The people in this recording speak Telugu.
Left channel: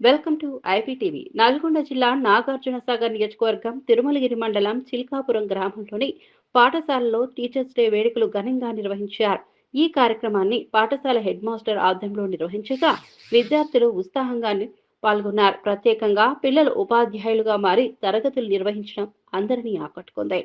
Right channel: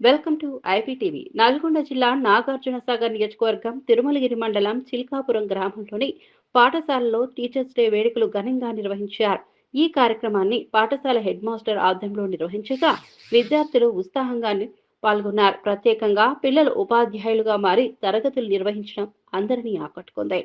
Welcome to IPTV. నల్గొండ జిల్లా నాగార్జునసాగర్ నియోజకవర్గం తిరుమలగిరి మండలం చిల్కాపురం గ్రామంలోని పాఠశాలలో టీచర్స్ డే వేడుకలు ఘనంగా నిర్వహించారు. ఈ కార్యక్రమాన్ని పాఠశాల హెడ్ మాస్టర్ ఆధ్వర్యంలో నిర్వహించగా విద్యార్థులు ఉత్సాహంగా పాల్గొన్నారు. ప్రత్యేకంగా పిల్లలు ఉపాధ్యాయులుగా మారి తరగతులు నిర్వహించడం అందరినీ ఆకట్టుకుంది.